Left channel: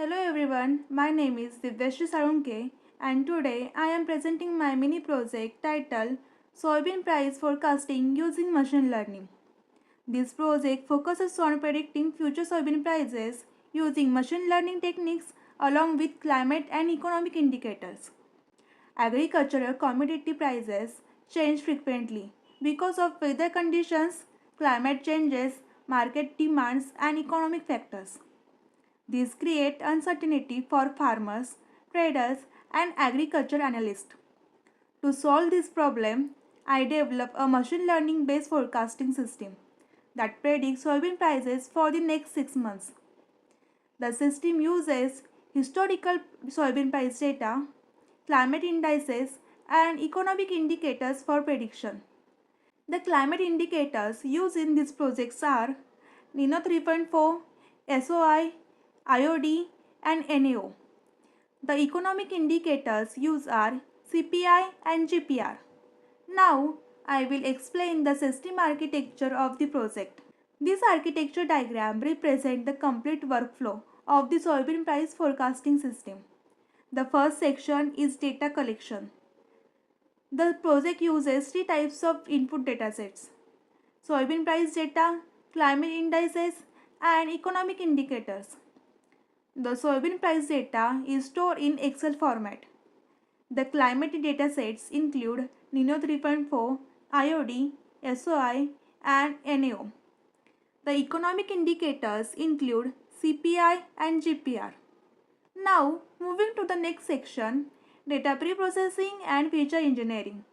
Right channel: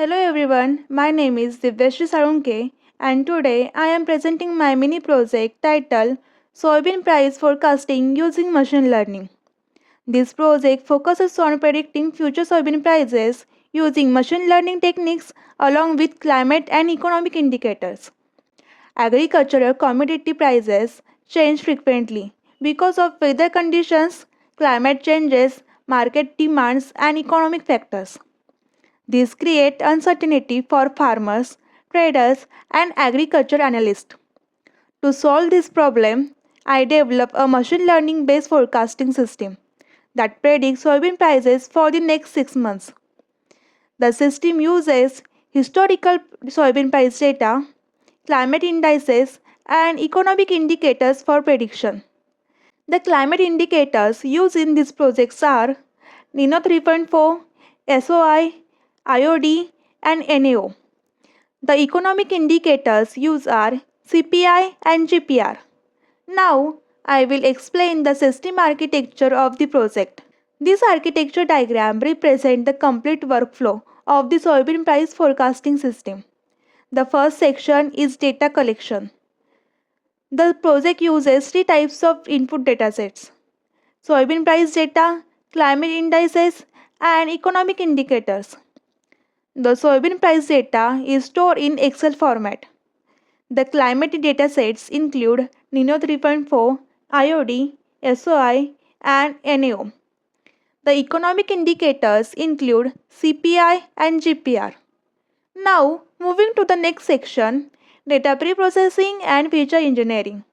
Hello everyone, my name is Divyashri Sarunke and today I am presenting my mini project titled Soybean Price Forecasting Using Machine Learning. This project focuses on predicting future soybean prices using machine learning techniques along with climate and economic indicators. Agricultural commodity prices change frequently because of weather conditions, climate changes, market demands, and economic factors. This creates uncertainty for farmers, traders, and agriculture analysts. To solve this problem, I developed a machine learning based forecasting system that predicts soybean prices for the next 6 months. The system uses historical soybean price data, climate indices, and economic indicators for prediction. The climate indicators used in these projects are NINO 3.4, SOI, IOD, and NAO. The economic indicators used are CPI and GPR. Now, I will explain the system architecture of the project. This architecture diagram represents the complete workflow of the soybean price forecasting system. The first section is data collection. The project uses three types of input datasets: soybean price data, climate indices, and economic indicators. The soybean price data is stored in Excel format. The climate datasets include NINO 3.4, IOD, SOI, and NAO. The economic indicators include CPI and GPR. Now, moving to the next section, data pre-processing and feature engineering.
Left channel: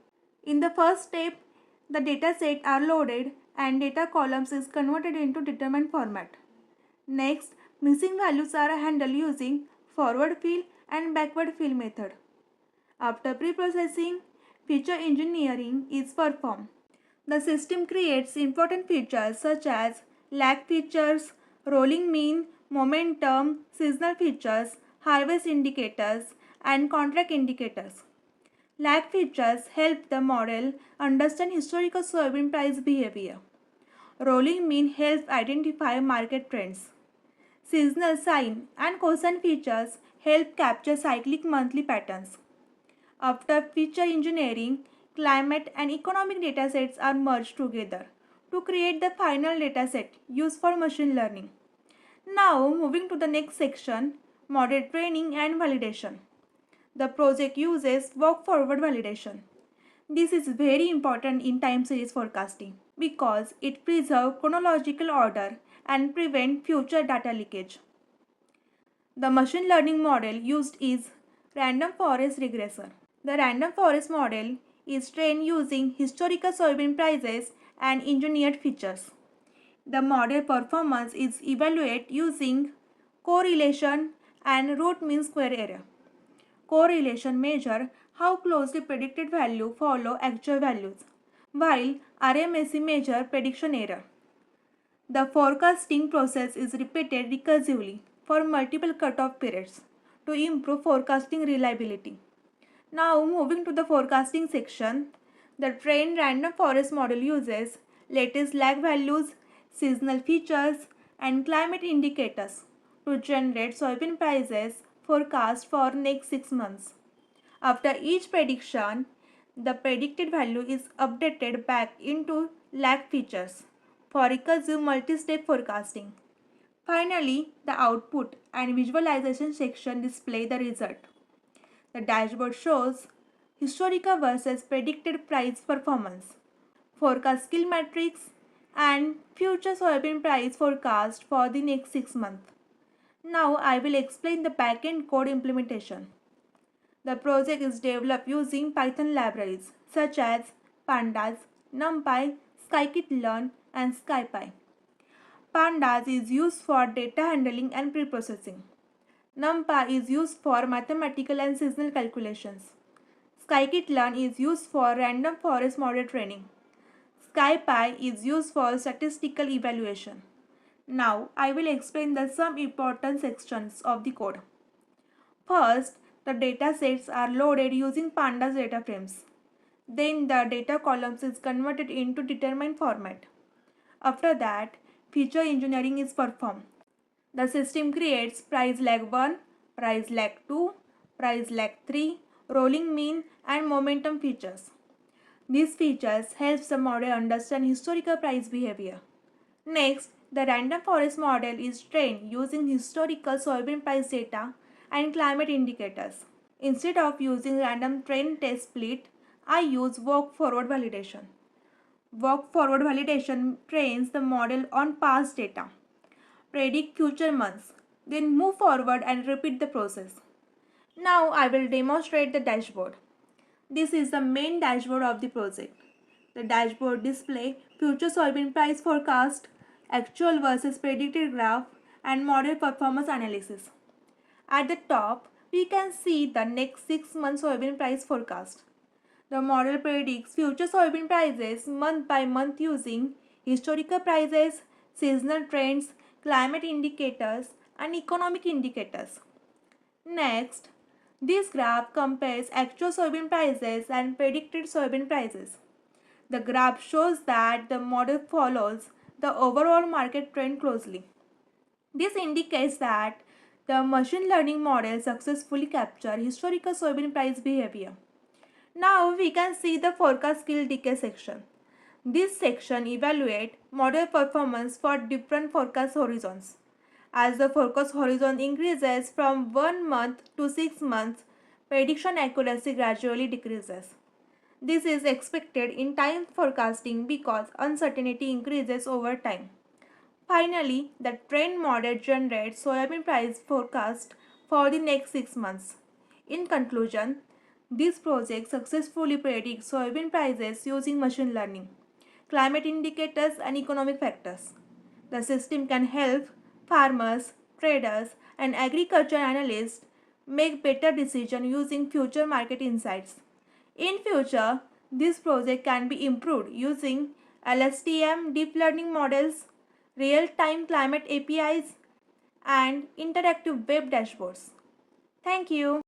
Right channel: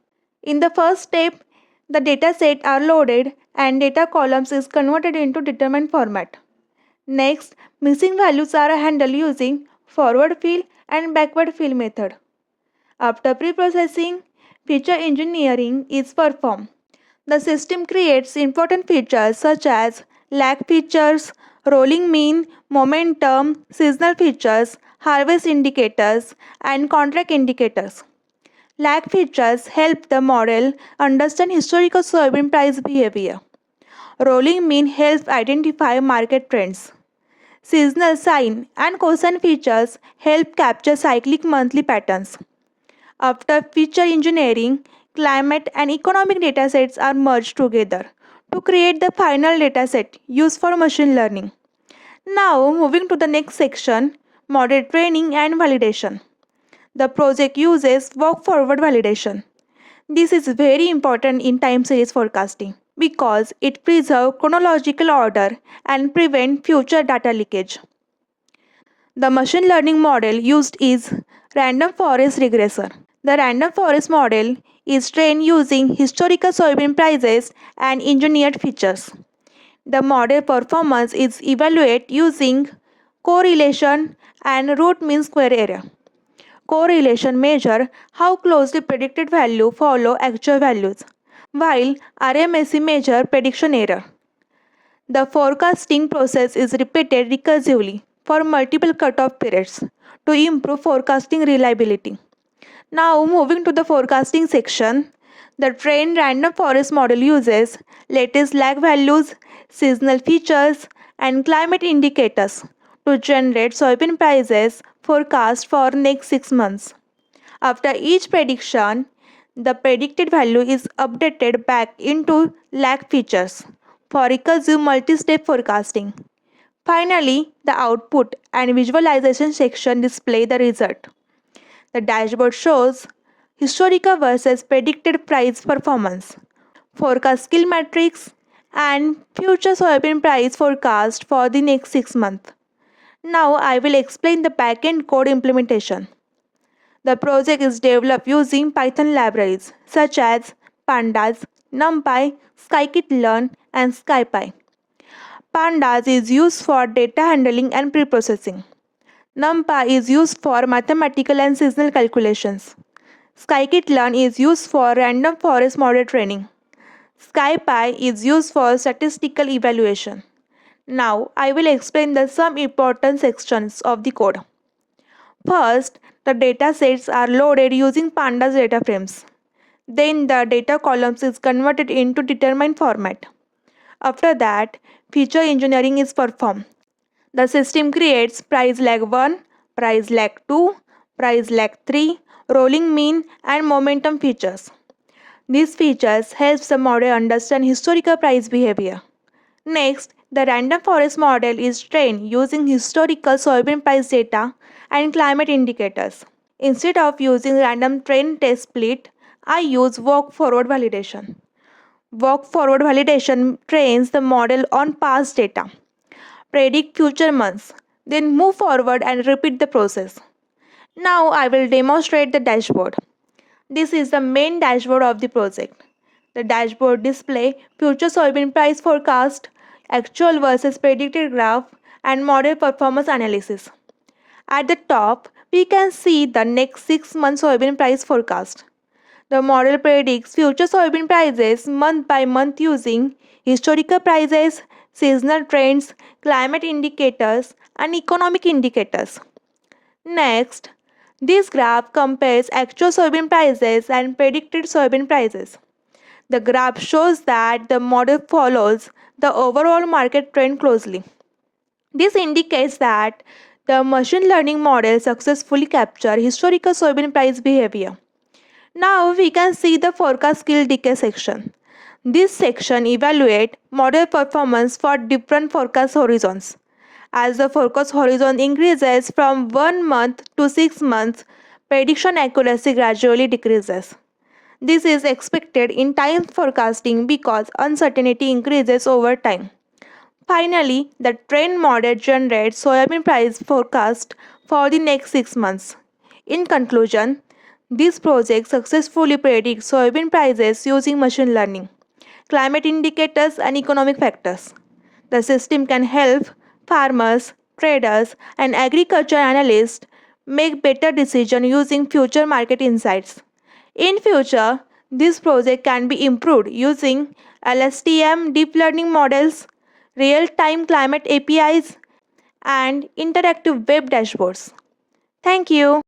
In the first step, the datasets are loaded and data columns is converted into determined format. Next, missing values are handled using forward fill and backward fill method. After pre-processing, feature engineering is performed. The system creates important features such as lag features, rolling mean, momentum, seasonal features, harvest indicators, and contract indicators. Lag features help the model understand historical soybean price behavior. Rolling mean helps identify market trends. Seasonal sign and cosine features help capture cyclic monthly patterns. After feature engineering, climate and economic datasets are merged together to create the final dataset used for machine learning. Now, moving to the next section, model training and validation. The project uses walk-forward validation. This is very important in time series forecasting because it preserves chronological order and prevents future data leakage. The machine learning model used is random forest regressor. The random forest model is trained using historical soybean prices and engineered features. The model performance is evaluated using correlation and root mean square error. Correlation measure how closely predicted value follow actual values, while RMSE measure prediction error. The forecasting process is repeated recursively for multiple cutoff periods to improve forecasting reliability. Now, moving to the forecasting section, the trained random forest model uses latest lag values, seasonal features, and climate indicators to generate soybean prices forecast for next 6 months. After each prediction, the predicted value is updated back into lag features for recursive multi-step forecasting. Finally, the output and visualization section display the result. The dashboard shows historical versus predicted price performance, forecast skill metrics, and future soybean price forecast for the next 6 months. Now I will explain the backend code implementation. The project is developed using Python libraries such as Pandas, NumPy, Scikit-learn, and SciPy. Pandas is used for data handling and preprocessing. NumPy is used for mathematical and seasonal calculations. Scikit-learn is used for random forest model training. SciPy is used for statistical evaluation. Now, I will explain some important sections of the code. First, the data sets are loaded using Pandas data frames. Then the data columns is converted into determined format. After that, feature engineering is performed. The system creates price lag 1, price lag 2, price lag 3, rolling mean and momentum features. These features help the model understand historical price behavior. Next, the random forest model is trained using historical soybean price data and climate indicators. Instead of using random train test split, I use walk forward validation. Walk forward validation trains the model on past data, predict future months, then move forward and repeat the process. Now I will demonstrate the dashboard. This is the main dashboard of the project. The dashboard displays future soybean price forecast, actual versus predicted graph, and model performance analysis. At the top, we can see the next 6 months soybean price forecast. The model predicts future soybean prices month by month using historical prices, seasonal trends, climate indicators, and economic indicators. Next, this graph compares actual soybean prices and predicted soybean prices. The graph shows that the model follows the overall market trend closely. This indicates that the machine learning model successfully captured historical soybean price behavior. Now we can see the forecast skill decay section. This section evaluates model performance for different forecast horizons. As the forecast horizon increases from 1 month to 6 months, prediction accuracy gradually decreases. This is expected in time forecasting because uncertainty increases over time. Finally, the trend model generates soybean price forecast for the next 6 months. In conclusion, this project successfully predicts soybean prices using machine learning, climate indicators, and economic factors. The system can help farmers, traders, and agriculture analysts make better decisions using future market insights. In future, this project can be improved using LSTM deep learning models, real-time climate APIs, and interactive web dashboards. Thank you.